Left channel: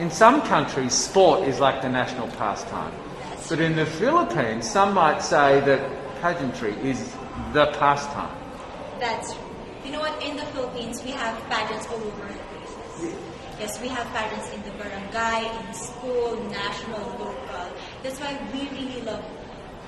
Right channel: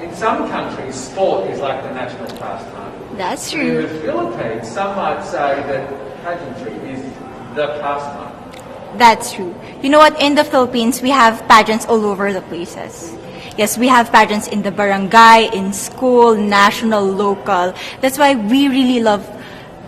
in some countries, sport is like the national pastime. That's But in true. the Philippines, some might say that pageantry is the pastime. That's true. You know what? In the Philippines, we have pageants all over the places. Yes, we have pageants in the barangay, in school, national, local. That's why we really love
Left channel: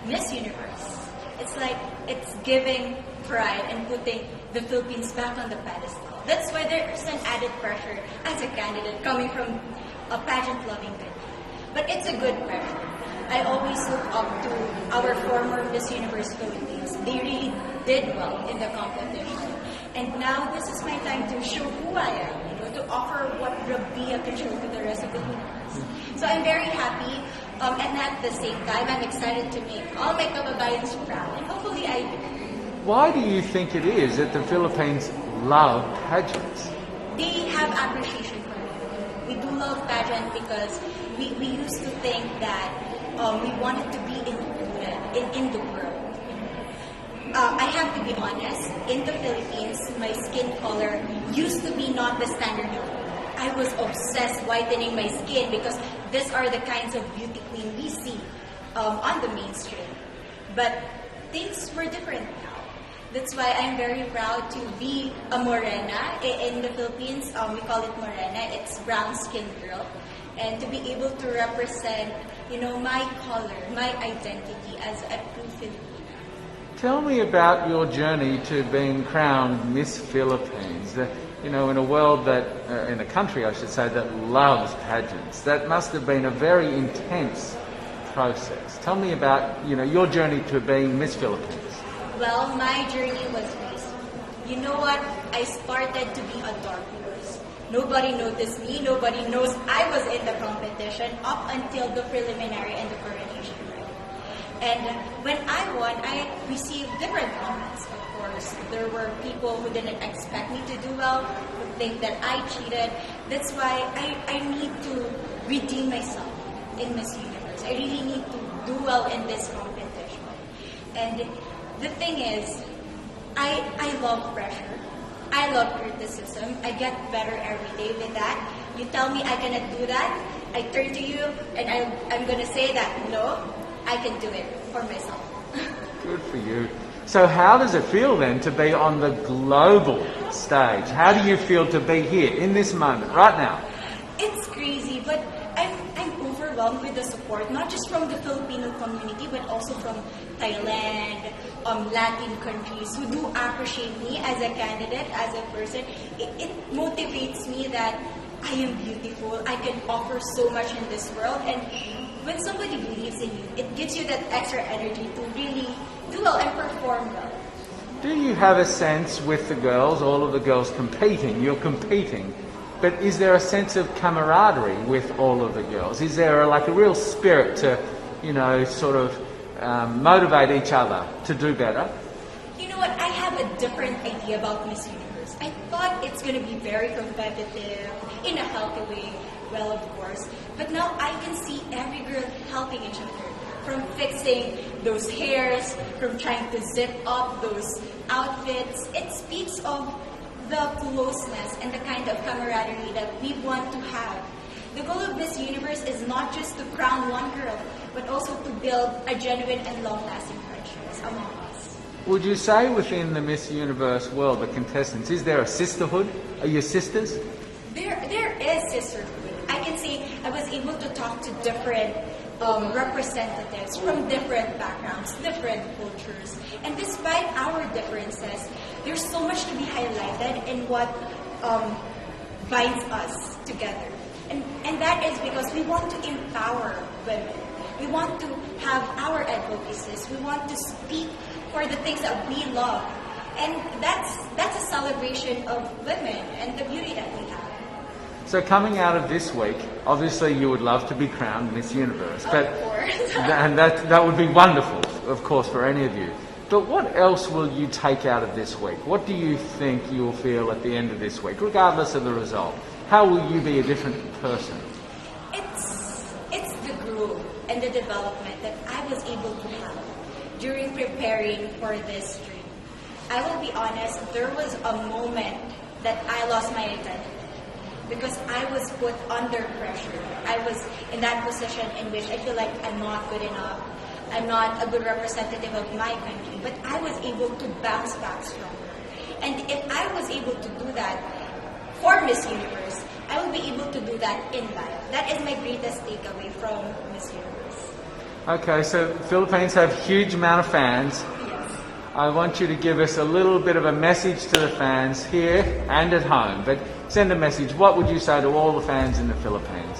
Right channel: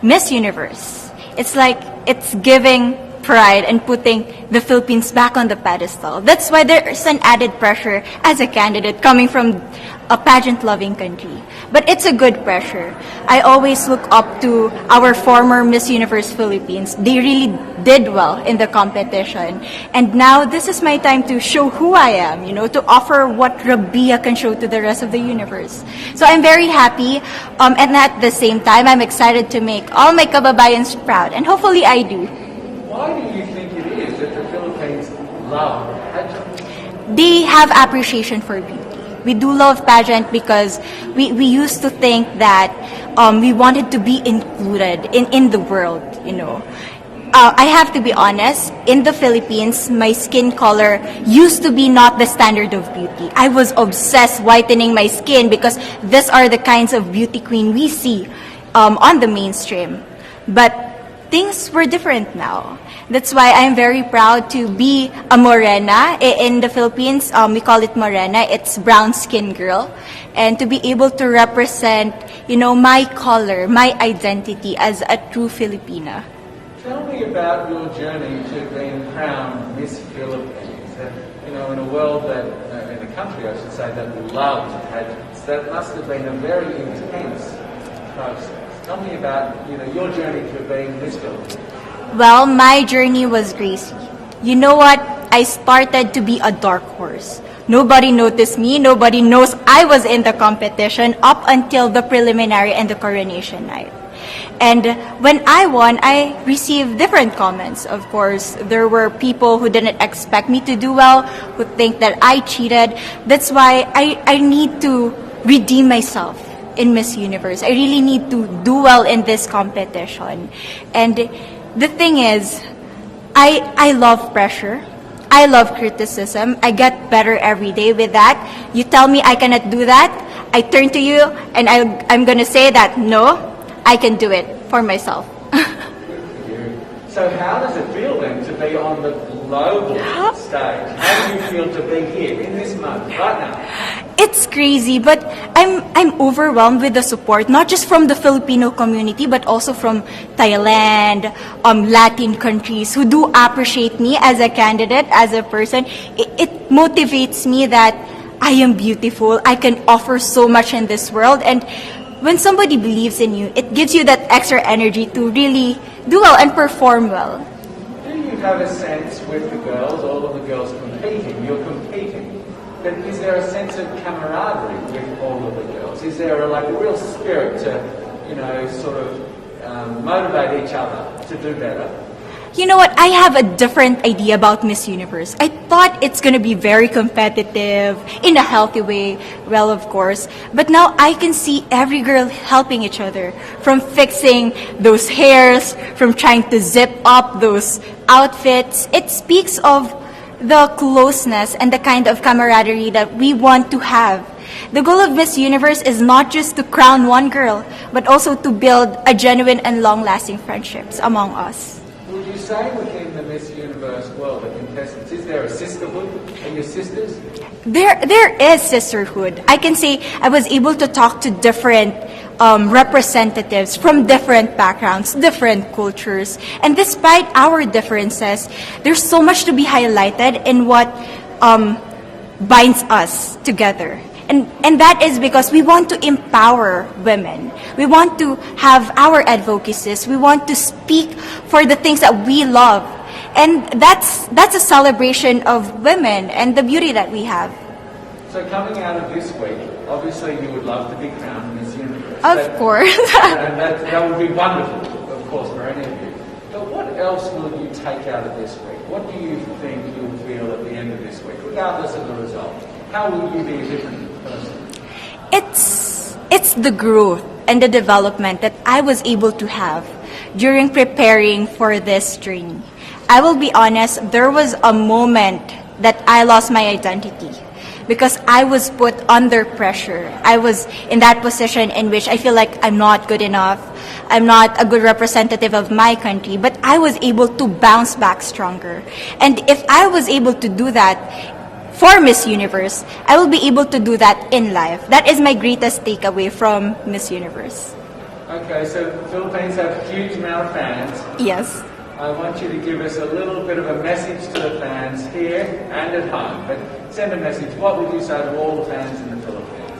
Miss Universe. It's like it's giving pride and putting the Philippines back on the pedestal. That's why there's an added pressure as a candidate coming from a pageant-loving country. But it's a good pressure. I always look up to our former Miss Universe Philippines. They really did well in the competition. And now this is my time to show who I am, to offer what RABIYA can show to the rest of the universe. So I'm very happy, and at the same time, I'm excited to make all my kababayans proud. And hopefully I do. Why do you think it is that the Philippines love pageants? They have appreciation for beauty. We do love pageant because we used to think that we wanted to be included in the world, I have to be honest, in the Philippines, my skin color used to be not the standard of beauty. I was obsessed whitening my skin because these are the kinds of beauty queen we see on the mainstream. But things were different now. That's why I'm very proud to be a morena. In the Philippines, we call it morena. It's brown skin girl. And to be able to represent, my color, my identity as a true Filipina. Tell me about your journey to being crowned Miss Philippines. In a world that, in a country I should say, that loves pageants. That must have been a very intense process. Tell me about, your journey to being Miss Philippines. Well, my journey was crazy. You know what? I started to be a dark horse. Nobody noticed me. Nobody knows I was in the competition up until the preliminary and the coronation night. And when I won, I received different comments. Of course, there were people who didn't expect me to do well, who think that I cheated. That's why I need to redeem myself in Miss Universe. I really need to do well in this competition. And the thing is, I love pressure. I love criticism. I get better every day with that. You tell me I cannot do that, I turn to you and I'm going to say that, no, I can do it for myself. Good for you. So how does it feel then to be on the global stage? How do you feel to be here in this moment, right now? It's crazy, but I'm overwhelmed with the support, not just from the Filipino community, but also from Thailand, Latin countries who do appreciate me as a candidate, as a person. It motivates me that I am beautiful, I can offer so much in this world, and when somebody believes in you, it gives you that extra energy to really do well and perform well. Do you have a sense with the girls, all of the girls competing, you're competing, but is there a sense of camaraderie with all of the girls? Is there a real spirit to, sort of motivate each other to do better? You know what? I have a different idea about Miss Universe. I thought it's going to be very competitive, in a healthy way, well, of course. But now I can see every girl helping each other, from fixing those hairs, from trying to zip up those outfits. It speaks of the closeness and the kind of camaraderie that we want to have. The goal of Miss Universe is not just to crown one girl, but also to build a genuine and long-lasting friendships among us. Would you say within the Miss Universe world, the contestants, is there a sisterhood? Are you sisters? There is sisterhood. I can say I was able to talk to different representatives from different backgrounds, different cultures. And despite our differences, there's so much to be highlighted in what binds us together. And that is because we want to empower women. We want to have our advocacies. We want to speak for the things that we love. And that's a celebration of women and the beauty that we have. So coming out of this week, obviously you would love to be crowned Miss Universe. Of course. And that would be wonderful, of course, for any of you. But what else will you take out of this week? What do you think you'll feel at the end of this week, regardless of the result? How will you be a different person? It's the growth and the development that I was able to have during preparing for this journey. I will be honest, there was a moment that I lost my identity. because I was put under pressure. I was in that position in which I feel like I'm not good enough. I'm not a good representative of my country, but I was able to bounce back stronger. And if I was able to do that for Miss Universe, I will be able to do that in life. That is my greatest takeaway from Miss Universe. Okay, so Philippines have a huge amount of fans. Yes. I want you to give us a little bit of a message to the fans here and at home. But send a message. What would you say to all the fans in the Philippines?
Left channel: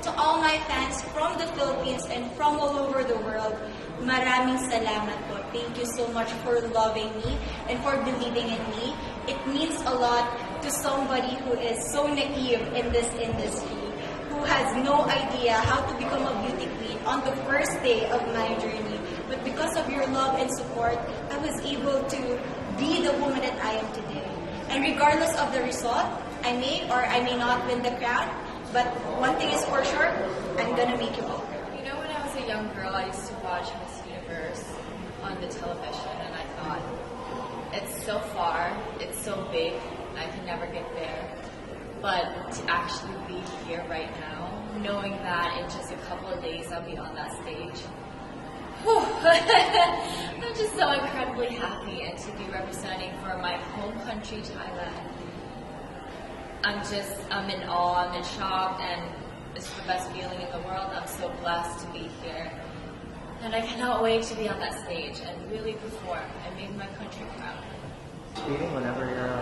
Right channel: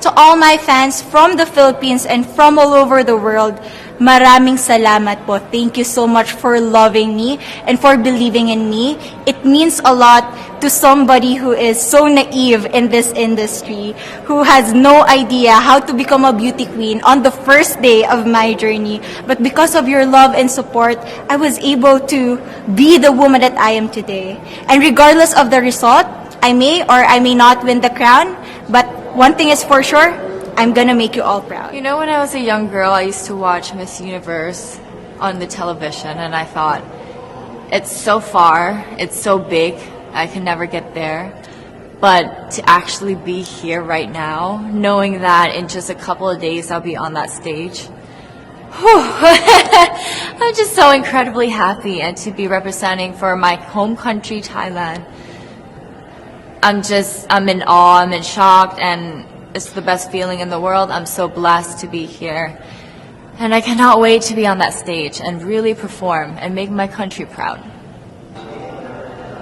To all my fans from the Philippines and from all over the world, maraming salamat po. Thank you so much for loving me and for believing in me. It means a lot to somebody who is so naive in this industry, who has no idea how to become a beauty queen on the first day of my journey. But because of your love and support, I was able to be the woman that I am today. And regardless of the result, I may or I may not win the crown, but one thing is for sure, I'm gonna make you all proud. You know, when I was a young girl, I used to watch Miss Universe on the television, and I thought, it's so far, it's so big, I can never get there. But to actually be here right now, knowing that in just a couple of days I'll be on that stage, whew, I'm just so incredibly happy, and to be representing for my home country, Thailand. I'm in awe, I'm in shock, and it's the best feeling in the world. I'm so blessed to be here. And I cannot wait to be on that stage and really perform and make my country proud.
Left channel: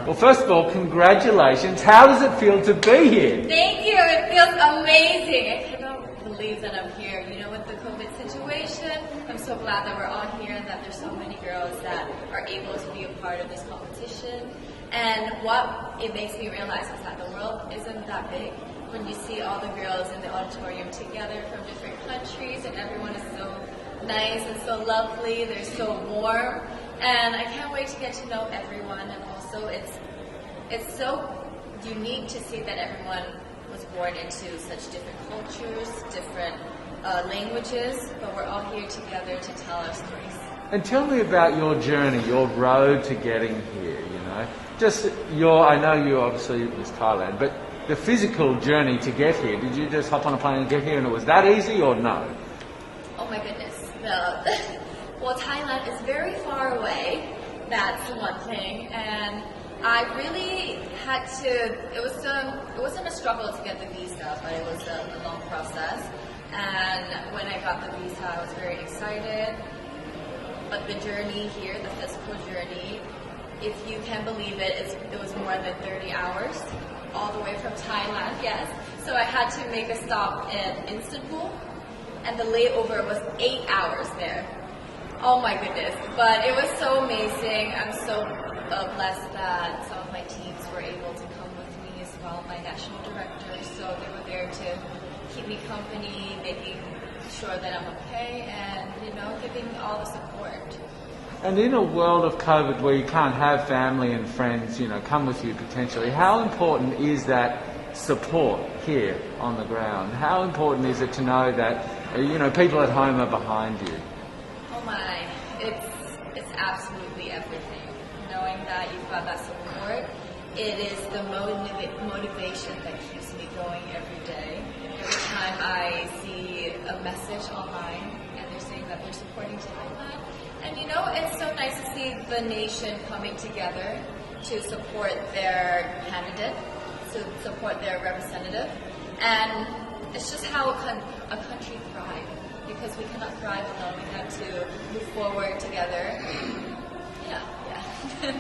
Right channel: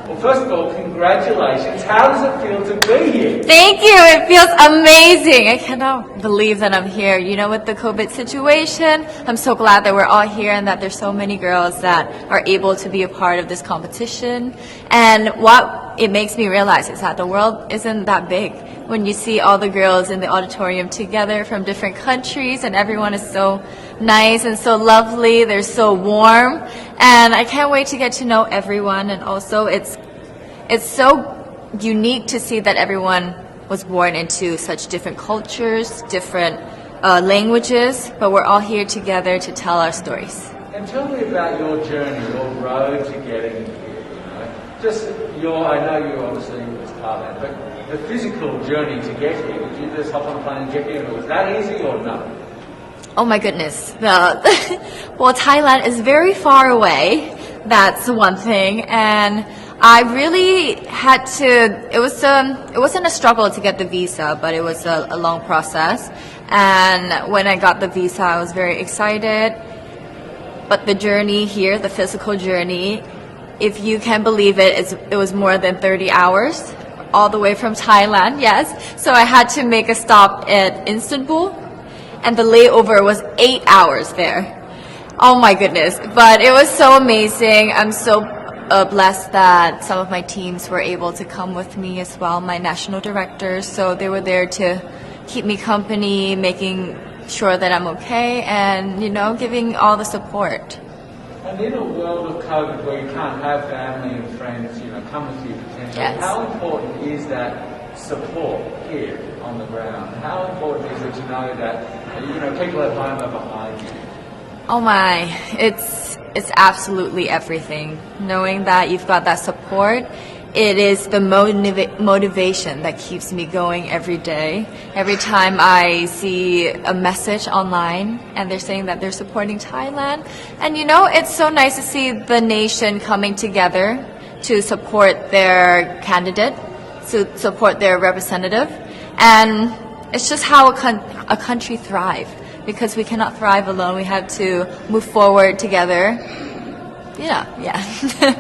Well, first of all, congratulations. How does it feel to be here? Thank you. It feels amazing. I cannot believe that I'm here. You know, with the COVID situation, I'm so glad that we're all here and that there's so many girls that are able to be a part of this competition. And what it makes me realize is that the world isn't that big. When you see all the girls in the auditorium together from different countries, and everyone is so nice and so lovely, they're so warm, and I can't wait to get to know everyone. And also it's so unique to see that everyone was born into such different cultures, different languages, but we're all here together to tell our stories. And tell me about your journey, your road to getting here, you know. Just I know you obviously was Thailand, but the physical journey to get here, did you just hop on a plane and get here and it was that easy or no? Oh my goodness. Well, Thailand is very far away. That's one thing. And I really had to, it wasn't a struggle to get the visa, but it was a long process. And when I got the visa, I was very excited. But the journey here, the physical journey, if you can believe it, it was more than 30 hours. All the way from Thailand, yes. So I had to make a stop at Istanbul, and the layover was 8 hours there. Oh my goodness. But it was so amazing. I'm so blessed that some of my teams were able to come with me as well, my national directors. So they were there to keep me company, making sure that I'm okay, and, you know, giving all the support. And in a world of COVID where you can't have family and friends, you know, come with you potentially, Yes. How important is that support here on the ground? How important is it to know that, you know, people at home are behind you? Oh my, it's absolutely everything. Knowing that you've got that support, it is the motivation that keeps me going every day. Every time I see a message online and they're saying that they're supporting Thailand, and you know, it's so nice to see the nation coming together to support their candidate, to support their representative, and it's just how a country thrives, because we cannot thrive alone. We have to move forward together. Yeah.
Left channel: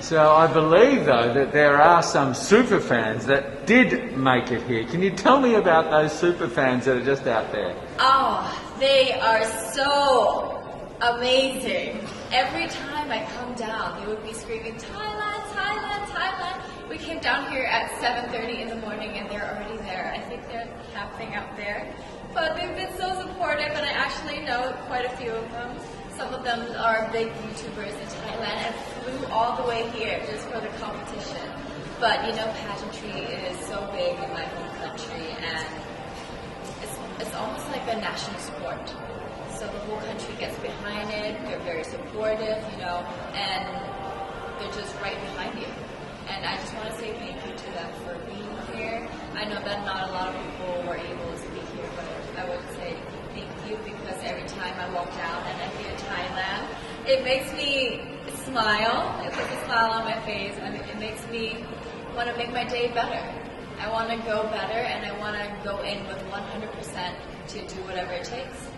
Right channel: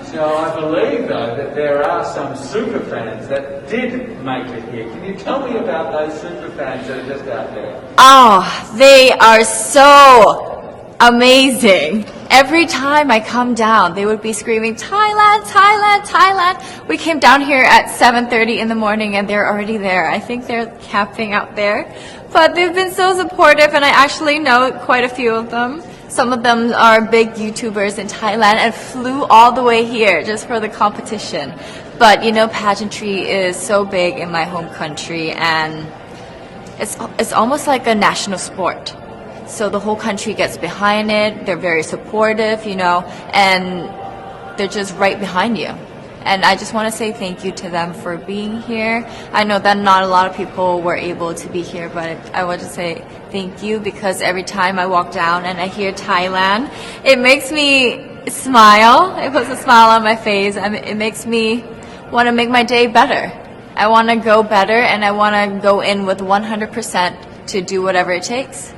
So I believe, though, that there are some super fans that did make it here. Can you tell me about those super fans that are just out there? Oh, they are so amazing. Every time I come down, they would be screaming, Thailand, Thailand, Thailand. We came down here at 7:30 in the morning and they're already there. I think they're camping out there. But they've been so supportive, and I actually know quite a few of them. Some of them are big YouTubers in Thailand and flew all the way here just for the competition. But you know, pageantry is so big in my home country, and it's almost like a national sport. So the whole country gets behind it. They're very supportive, you know, and they're just right behind you. And I just want to say thank you to them for being here. I know that not a lot of people were able to be here, but I want to say thank you because every time I walk down and I hear Thailand, it makes me smile. It puts a smile on my face. I mean, it makes me want to make my day better. I want to go better and I want to go in with 100% to do whatever it takes.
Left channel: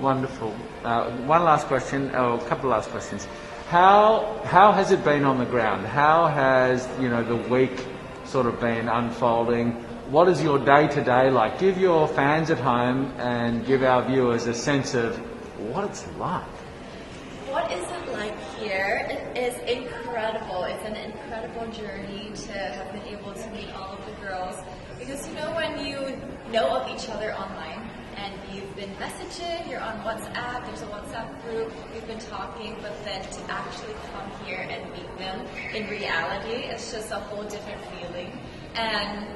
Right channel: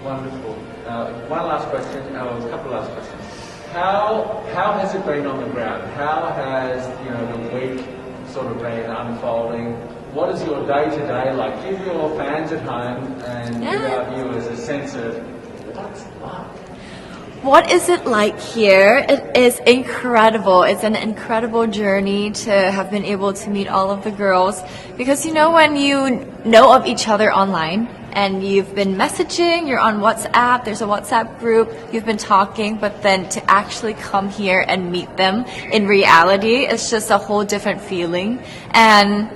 Wonderful. One last question, a couple last questions. How has it been on the ground? How has the week sort of been unfolding? What is your day-to-day like? Give your fans at home and give our viewers a sense of what it's like. What is it like here? It is incredible. It's an incredible journey to have been able to meet all of the girls because when you know of each other online and you've been messaging, you're on WhatsApp, there's a WhatsApp group, you've been talking, but then to actually come here and meet them in reality, it's just a whole different feeling. And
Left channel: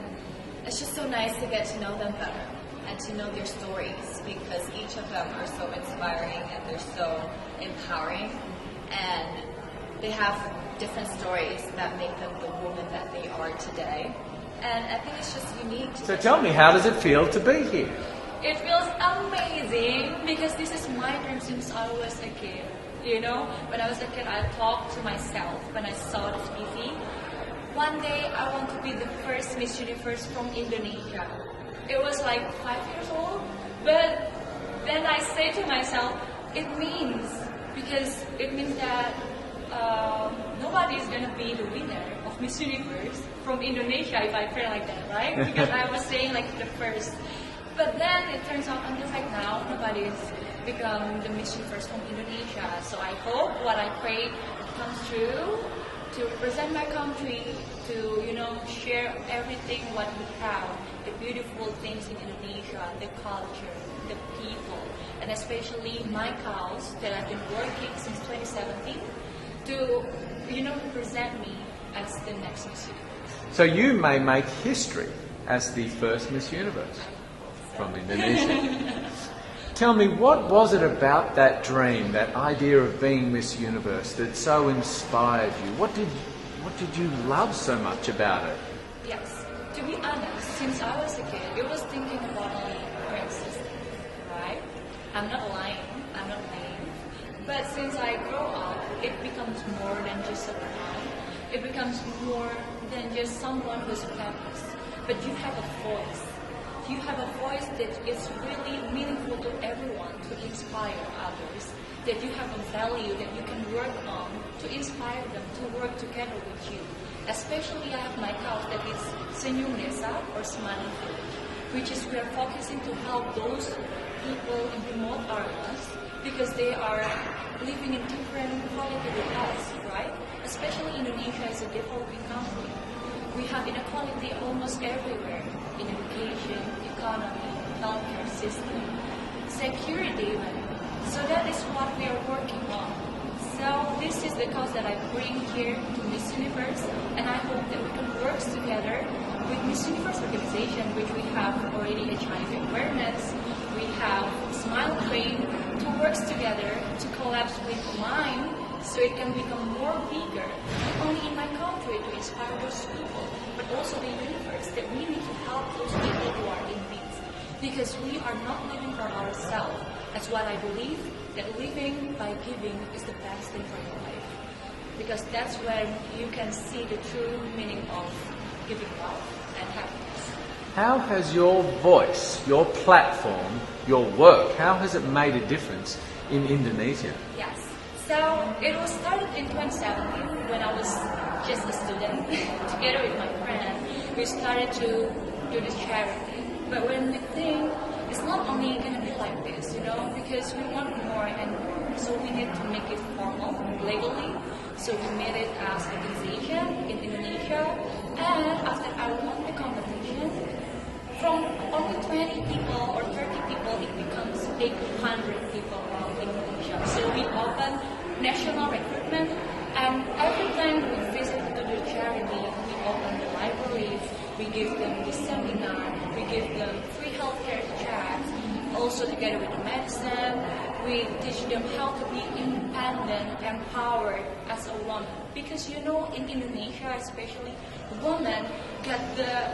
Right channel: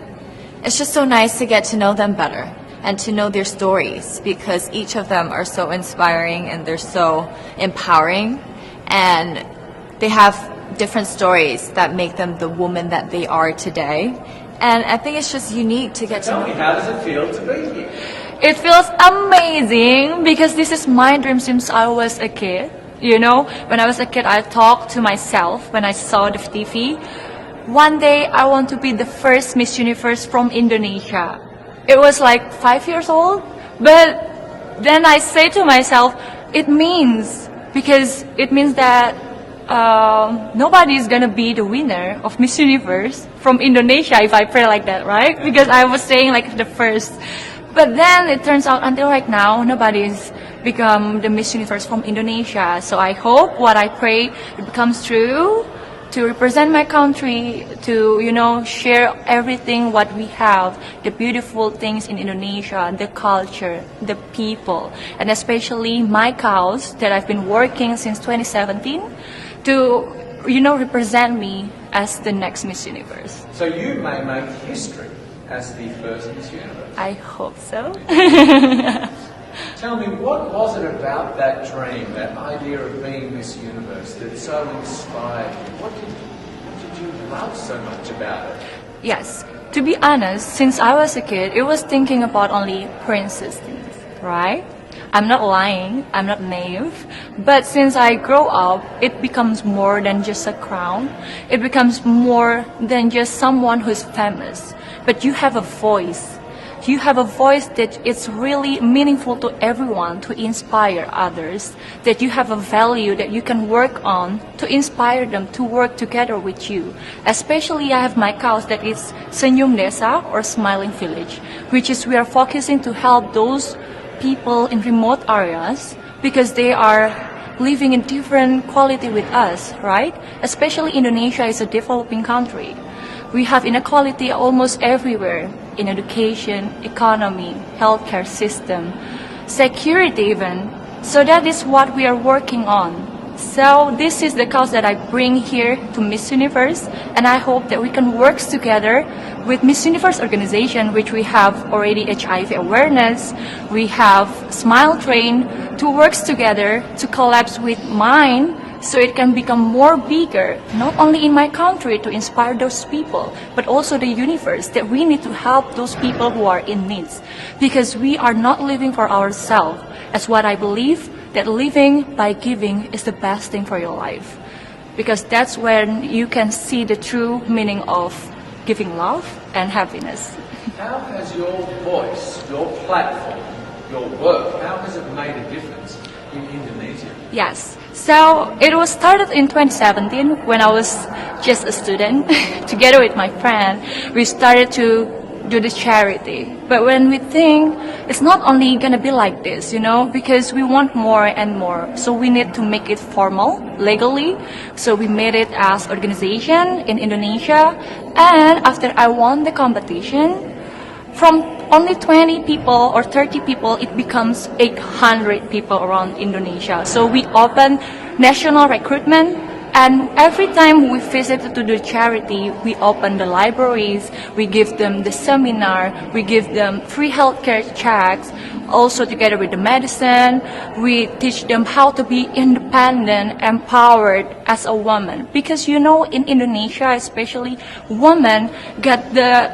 it's just so nice to get to know them better and to know their stories because each of them are so inspiring and they're so empowering and they have different stories that make them the woman that they are today. And I think it's just unique to get to know. Tell me, how does it feel to be here? It feels amazing because this is my dream since I was a kid. When I was a kid, I talked to myself when I saw the TV. One day, I want to be the first Miss Universe from Indonesia. It was like 5 years old, but then I say to myself, it means that nobody is gonna be the winner of Miss Universe from Indonesia if I pray like that, right? Because I was saying like the first. But then it turns out until right now, nobody's become the Miss Universe from Indonesia. So I hope what I pray it becomes true, to represent my country, to, share everything what we have, the beautiful things in Indonesia, the culture, the people, and especially my cause that I've been working since 2017 to, represent me as the next Miss Universe. So you may make history as the first Miss Universe. I hope so. Tell me, what was it about that dream, that idea of being Miss Universe that so inspired you? What did you love so much about it? Yes, to be honest, since I was a kid, it was thinking about only princess things, right? I'm not lying, I'm not naive, but since I grow up, it becomes more than just a crown. It becomes more than just someone who's famous, but you have a voice. You have a voice that is really meaningful to everyone, to inspire others, that you have a value that you can work on to inspire them to work together with you. Especially I have my cause that is Senyum Desa or Smiling Village, which is we are focusing to help those people in remote areas because they are living in different quality with us, right? Especially Indonesia is a developing country. We have inequality almost everywhere, in education, economy, healthcare system, security even. So that is what we are working on. So this is the cause that I bring here to Miss Universe, and I hope that we can work together with Miss Universe organization, which we have already HIV awareness, we have Smile Train, to work together to collapse with mine so it can become more bigger, not only in my country to inspire those people, but also the universe, that we need to help those people who are in needs. Because we are not living for ourselves, as what I believe, that living by giving is the best thing for your life. Because that's when you can see the true meaning of giving love and happiness. How has your voice, your platform, your work, how has it made a difference in Indonesia? Yes. So it was started in 2017 when I was just a student. Together with my friend, we started to do the charity. But when we think it's not only gonna be like this, because we want more and more. So we need to make it formal, legally. So we made it as organization in Indonesia. And after I won the competition, from only 20 people or 30 people, it becomes 800 people around Indonesia. So we open national recruitment, and every time we visit to the charity, we open the libraries, we give them the seminar, we give them free healthcare checks, also together with the medicine, we teach them how to be independent, empowered as a woman. Because you know, in Indonesia especially, women get the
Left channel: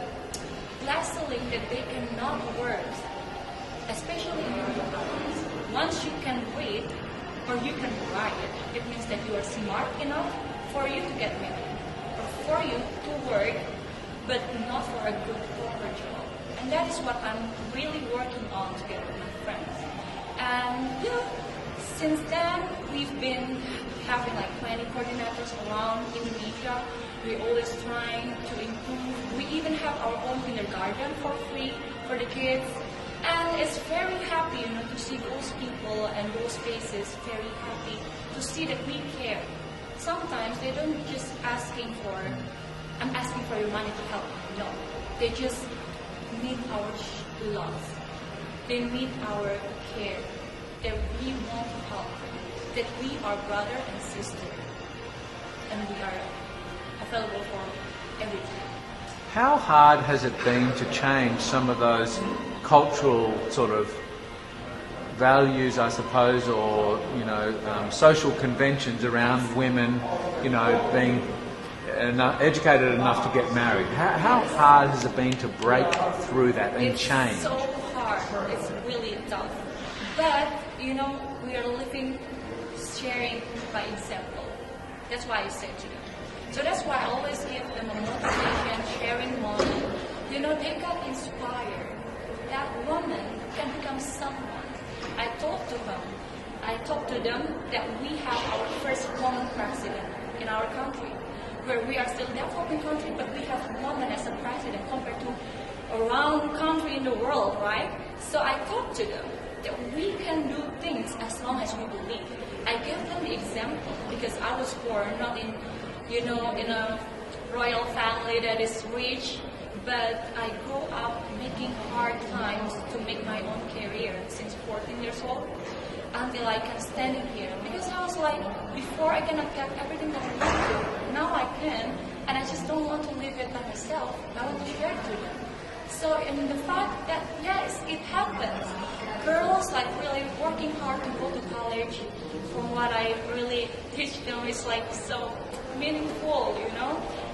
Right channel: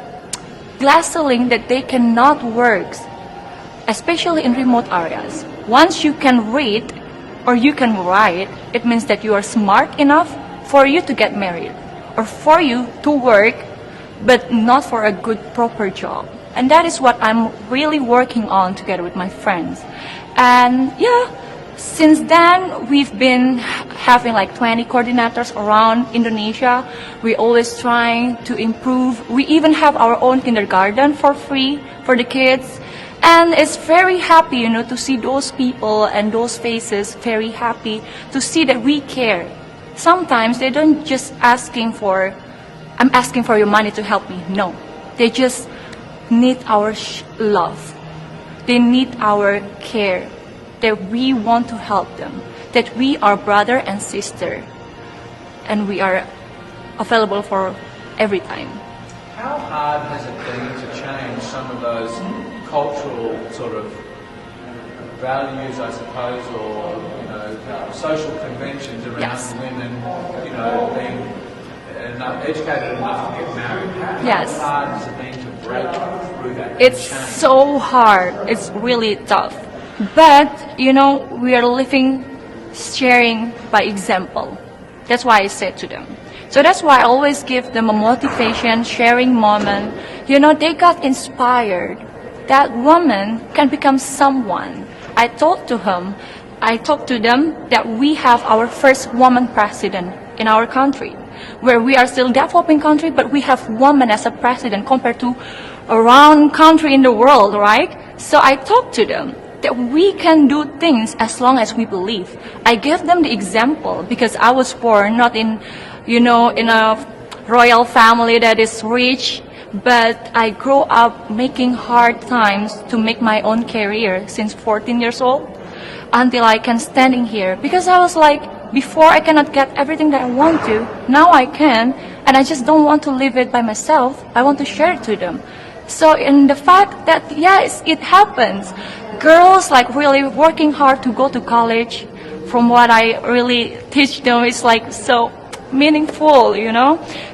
glass ceiling that they cannot work, especially in remote areas. Once you can read or you can write, it means that you are smart enough for you to get married or for you to work, but not for a good, proper job. And that is what I'm really working on together with my friends. And yeah, since then, we've been having like 20 coordinators around Indonesia. We always trying to improve. We even have our own kindergarten for free for the kids. And it's very happy, you know, to see those people and those faces very happy to see that we care. Sometimes they don't just asking for, I'm asking for your money to help me. No, they just need our love. They need our care, that we want to help them, that we are brother and sister, and we are available for every time. How hard has it been to change some of those cultural sort of values, I suppose, or social conventions around women, being educated enough to get married? How hard has it been to break through that and It's change? so hard. It's really tough. But, we are living, sharing by example. That's why I said to them. So that's why I always give them a motivation, sharing moment. They got inspired. That woman can become someone. I talked to them that we have our first woman president in our country, where we are still developing country, but we have women as a president compared to around country in the world, right? So I talked to them that we can do things as long as we believe. I gave them the example because I was born not in, in a royal family that is rich, but I grew up making hard times to make my own career since 14 years old until I can standing here. Because I was like, before I cannot get everything that I want to, now I can, and I just don't want to live it by myself. I want to share it to them. So in the fact that, yes, it happens. Girls like really working hard to go to college, from what I really teach them, it's like so meaningful,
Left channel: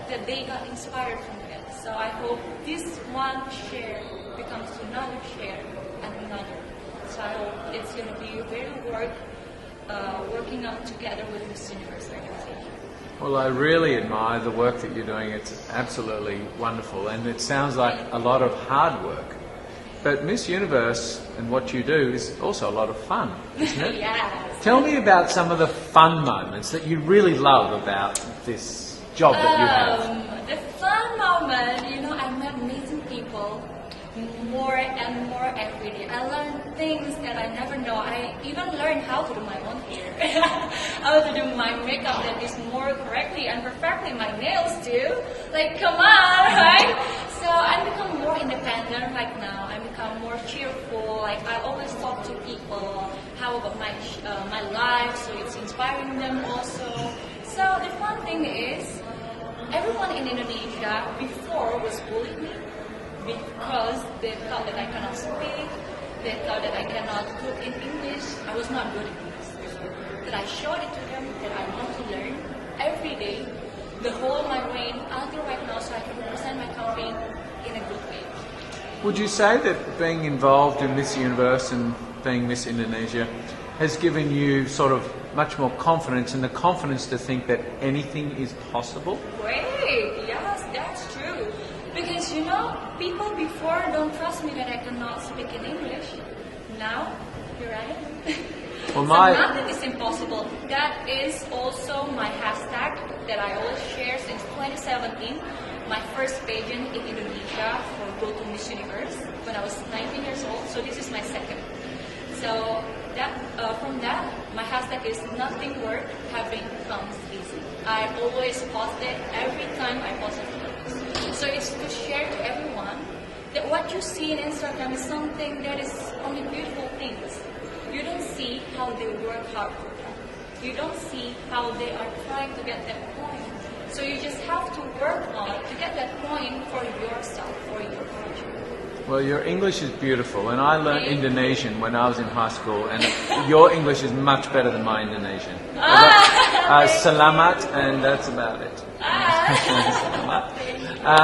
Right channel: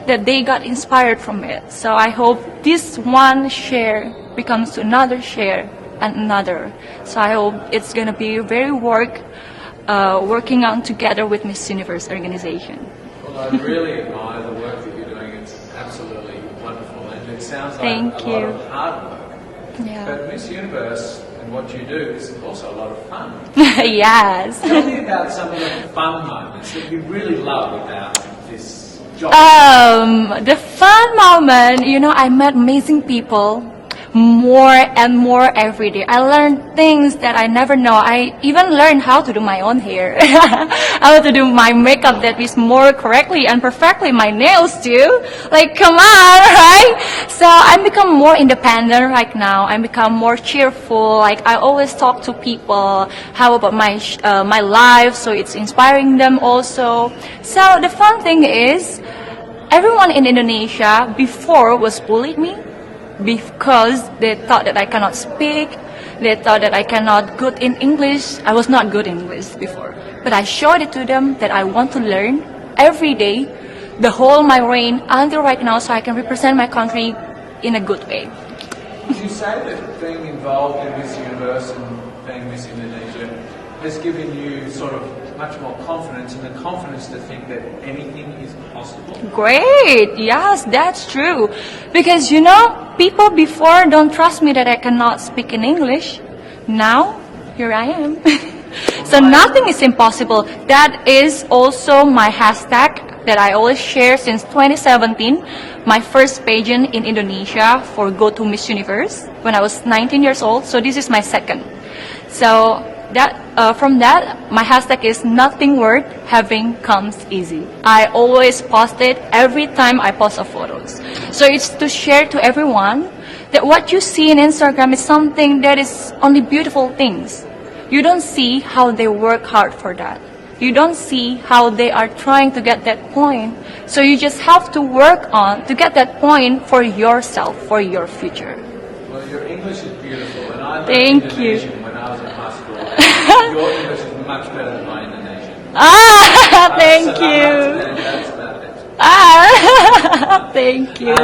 that they got inspired from it. So I hope this one share becomes another share and another. So I hope it's going to be very working on together with Miss Universe organization. Well, I really admire the work that you're doing. It's absolutely wonderful, and it sounds like Thank a lot you. of hard work. Yeah. But Miss Universe and what you do is also a lot of fun. Yes. Tell me about some of the fun moments that you really love about this job. The fun moment, I met amazing people more and more every day. I learned things that I never know. I even learned how to do my own hair. How to do my makeup that is more correctly and perfectly. My nails too. Like, come on, right? So I become more independent right now. I become more cheerful. Like, I always talk to people. How about my life? So it's inspiring them also. So the fun thing is, everyone in Indonesia before was bullied me, because they thought that I cannot speak, they thought that I cannot good in English. I was not good in English before. But I showed it to them that I want to learn every day, the whole my reign until right now, so I can represent my country in a good way. Would you say that being involved in Miss Universe and being Miss Indonesia has given you sort of much more confidence, and the confidence to think that anything is possible? Great, yes, that's true. Because people before don't trust me that I cannot speak in English. Now, here I am. So nothing is impossible. That is also my hashtag that I always share since 2017. My first pageant in Indonesia for Go to Miss Universe when I was 19 years old. So this is my second. So from that, my hashtag is nothing worth having comes easy. I always post it every time I post a photos. So it's to share to everyone that what you see in Instagram is something that is only beautiful things. You don't see how they work hard for that. You don't see how they are trying to get that point. So you just have to work on to get that point for yourself, for your future. Well, your English is beautiful, and I learned Thank you. Indonesian when I was in high school, and your English is much better than my Indonesian. Thank Selamat, you. and that's about it. Thank you.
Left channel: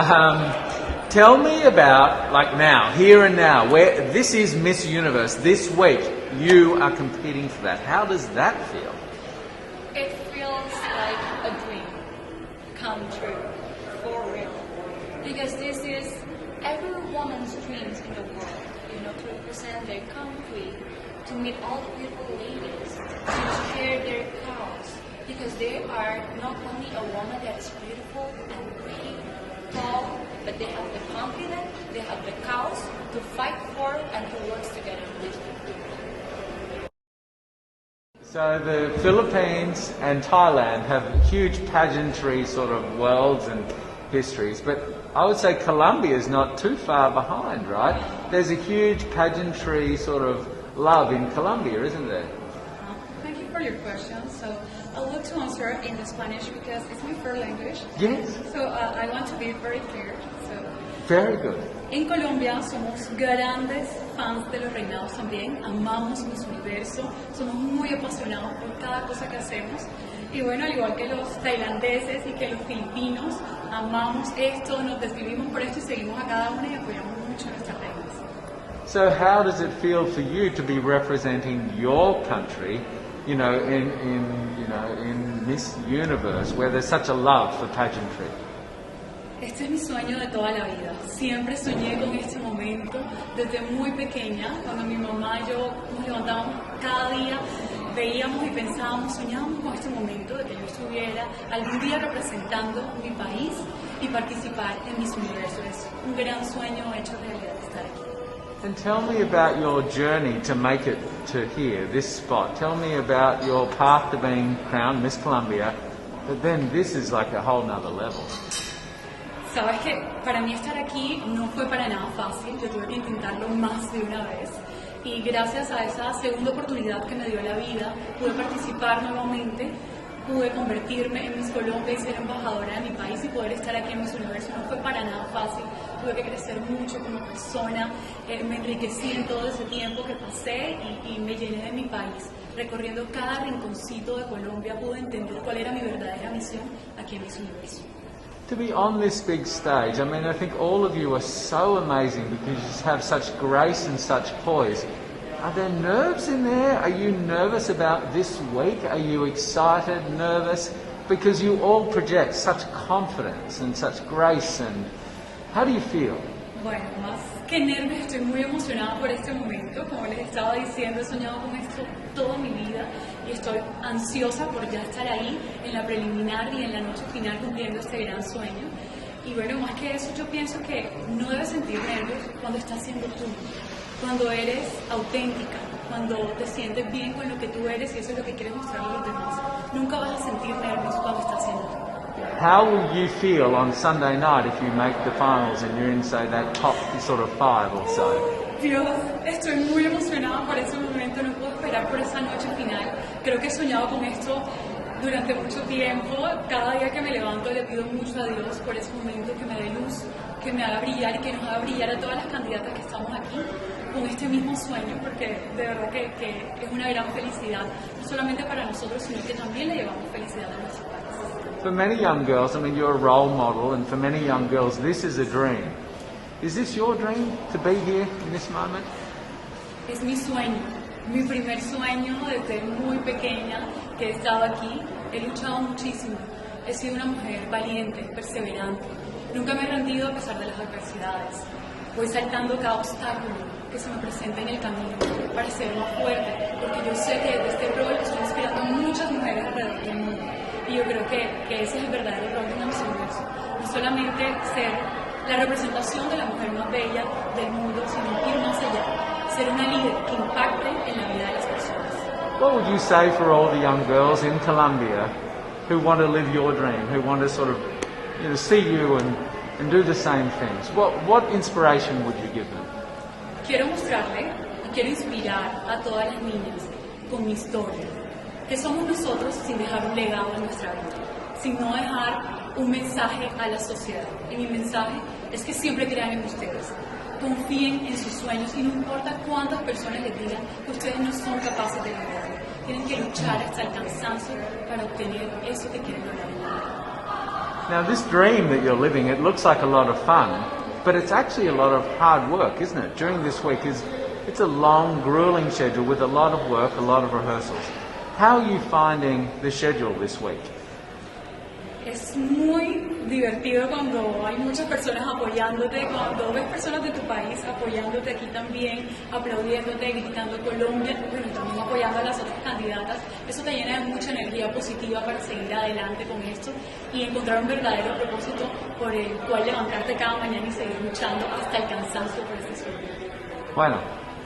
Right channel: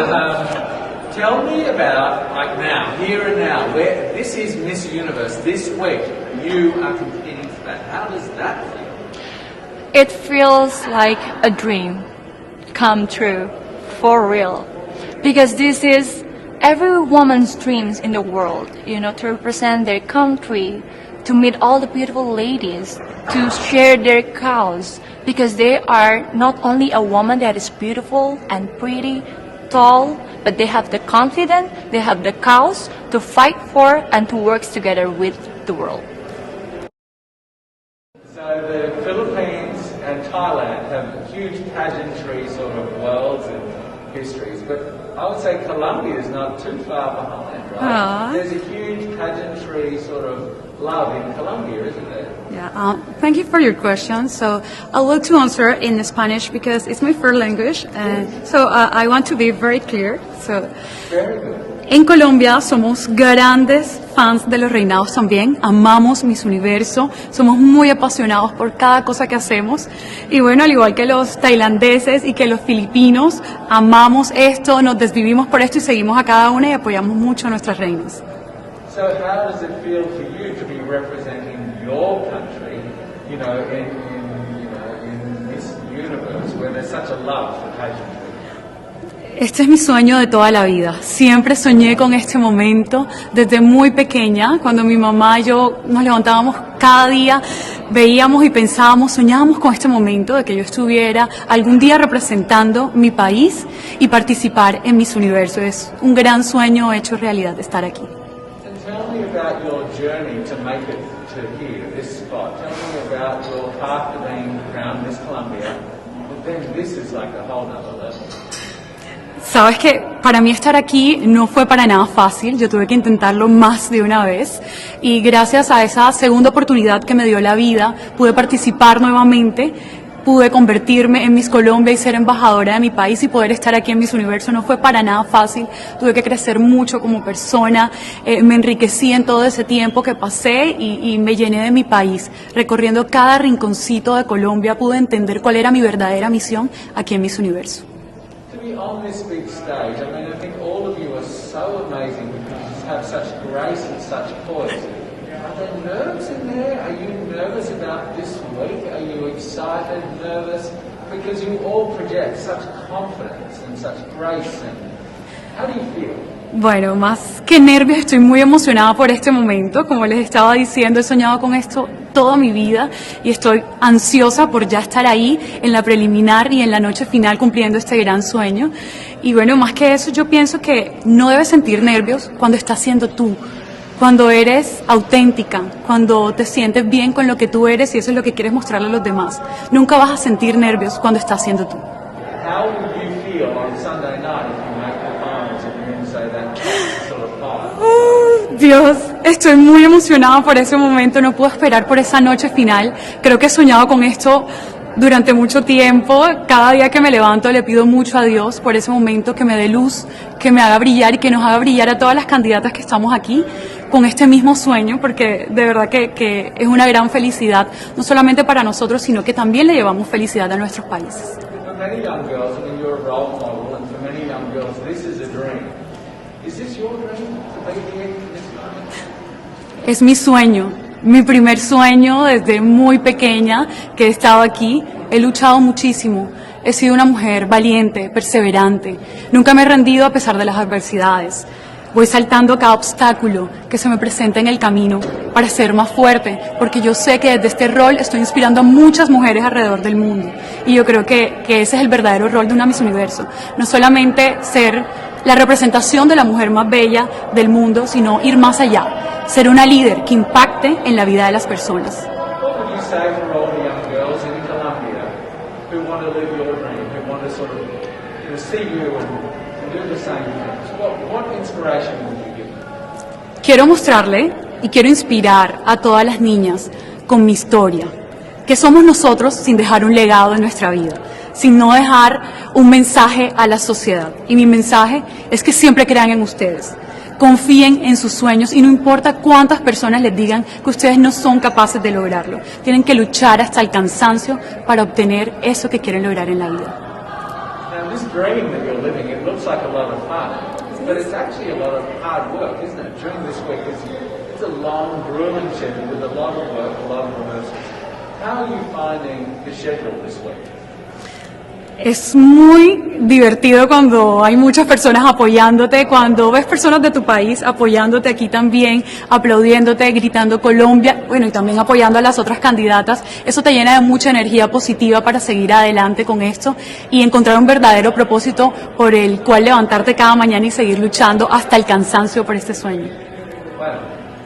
Tell me about, like now, here and now, where this is Miss Universe. This week, you are competing for that. How does that feel? It feels like a dream come true, for real. Because this is every woman's dreams in the world, you know, to represent their country, to meet all the beautiful ladies, to share their cause. Because they are not only a woman that is beautiful and pretty, tall, but they have the confidence, they have the cause to fight for and to work together with the world. So the Philippines and Thailand have huge pageantry sort of worlds and histories, but I would say Colombia is not too far behind, right? Aww. There's a huge pageantry sort of love in Colombia, isn't there? Yeah, thank you for your question. So I'll look to answer in Spanish because it's my first language, and so I want to be very clear. So, Very good. en Colombia somos grandes fans de los reinados también, amamos Miss Universo, somos muy apasionados por cada cosa que hacemos y bueno, al igual que los tailandeses y que los filipinos, amamos esto, nos desvivimos por esto y seguimos a cada una y apoyamos mucho a nuestras reinas. So how does it feel for you to be representing your country, you know, in Miss Universe, where there's such a love for pageantry? Este es mi sueño de toda la vida. Siempre soñé con este momento desde muy pequeña, cuando mi mamá y yo nos levantábamos cada día, veíamos y pensábamos, soñábamos con este momento de que yo estuviera algún día representando mi país y participar en Miss Universo. Es un gran sueño hecho realidad estar aquí. And tell me about your journey to make it to here, this spot. Tell me about your path to being crowned Miss Colombia, but then this is like a whole nother level. Sabes que para mí estar aquí no fue para nada fácil, yo tuve que intentarlo más de una vez y gracias a esa segunda oportunidad que me dio la vida pude participar nuevamente, pude convertirme en Miss Colombia y ser embajadora de mi país y poder estar aquí en Miss Universo. No fue para nada fácil, tuve que crecer mucho como persona, me enriquecí en todo ese tiempo que pasé y me llené de mi país. Recorriendo cada rinconcito de Colombia pude entender cuál era mi verdadera misión aquí en Miss Universo. To be on this big stage, I mean, I think all of you are so amazing because you just have such grace and such poise. Are there nerves in there? Are you nervous about this week? Are you excited, nervous? Because you all project such confidence and such grace, and how do you feel? Bueno, más que nervios, estoy muy emocionada por este momento. Como les estaba diciendo, he soñado con esto toda mi vida y estoy ansiosa por ya estar ahí en la preliminar y en la noche final cumpliendo este gran sueño. Y bueno, más que eso, yo pienso que no debes sentir nervios cuando estás siendo tú, cuando eres auténtica, cuando te sientes bien con lo que tú eres y eso es lo que quieres mostrarle a los demás. Nunca vas a sentir nervios cuando estás siendo tú. How will you feel on Sunday night if you make the finals and you're in, say, that top sort of five? Dios, estoy muy emocionada por ese momento, no puedo esperar por esa noche final. Creo que he soñado con esto durante mucho tiempo. Cada día que me levanto le pido mucho a Dios por ese momento, que me dé luz, que me haga brillar y que nos haga brillar a todas las candidatas que estamos aquí con este mismo sueño, porque de verdad que es una gran felicidad, no solamente para nosotros, sino que también le llevamos felicidad a nuestros países. For many young girls, I mean, you're a role model, and for many young girls, this is a dream. Is this your dream, to be here in this moment? Es mi sueño, mi primer sueño desde muy pequeña que he estado aquí. He luchado muchísimo, he sido una mujer valiente, perseverante. Nunca me he rendido a pesar de las adversidades. Voy saltando cada obstáculo que se me presenta en el camino para ser más fuerte, porque yo sé que desde este rol estoy inspirando a muchas mujeres alrededor del mundo. Y yo creo que ese es el verdadero rol de una Miss Universo. No solamente ser la representación de la mujer más bella del mundo, sino ir más allá, ser una líder que impacte en la vida de las personas. What would you say for all the young girls in Colombia who want to live your dream, who want to sort of, you know, see you and do the same things? What inspiration would you give them? Quiero mostrarle y quiero inspirar a todas las niñas con mi historia, que somos nosotros sin dejar un legado en nuestra vida, sin no dejar un mensaje a la sociedad. Y mi mensaje es que siempre crean en ustedes. confíen en sus sueños y no importa cuántas personas les digan que ustedes no son capaces de lograrlo. Tienen que luchar hasta el cansancio para obtener eso que quieren lograr en la vida. Now, this dream that you're living, it looks like a lot of fun, but it's actually a lot of hard work, isn't it? During this week, it's a long, grueling schedule with a lot of work, a lot of rehearsals. How are you finding the schedule this week? Es muy divertido cuando hay muchas personas apoyándote, cuando ves personas de tu país apoyándote aquí también, aplaudiéndote, gritando Colombia, bueno, y también apoyando a las otras candidatas. Eso te llena de mucha energía positiva para seguir adelante con esto y encontrar un verdadero propósito por el cual levantarte cada mañana y seguir luchando hasta el cansancio por este sueño. Bueno.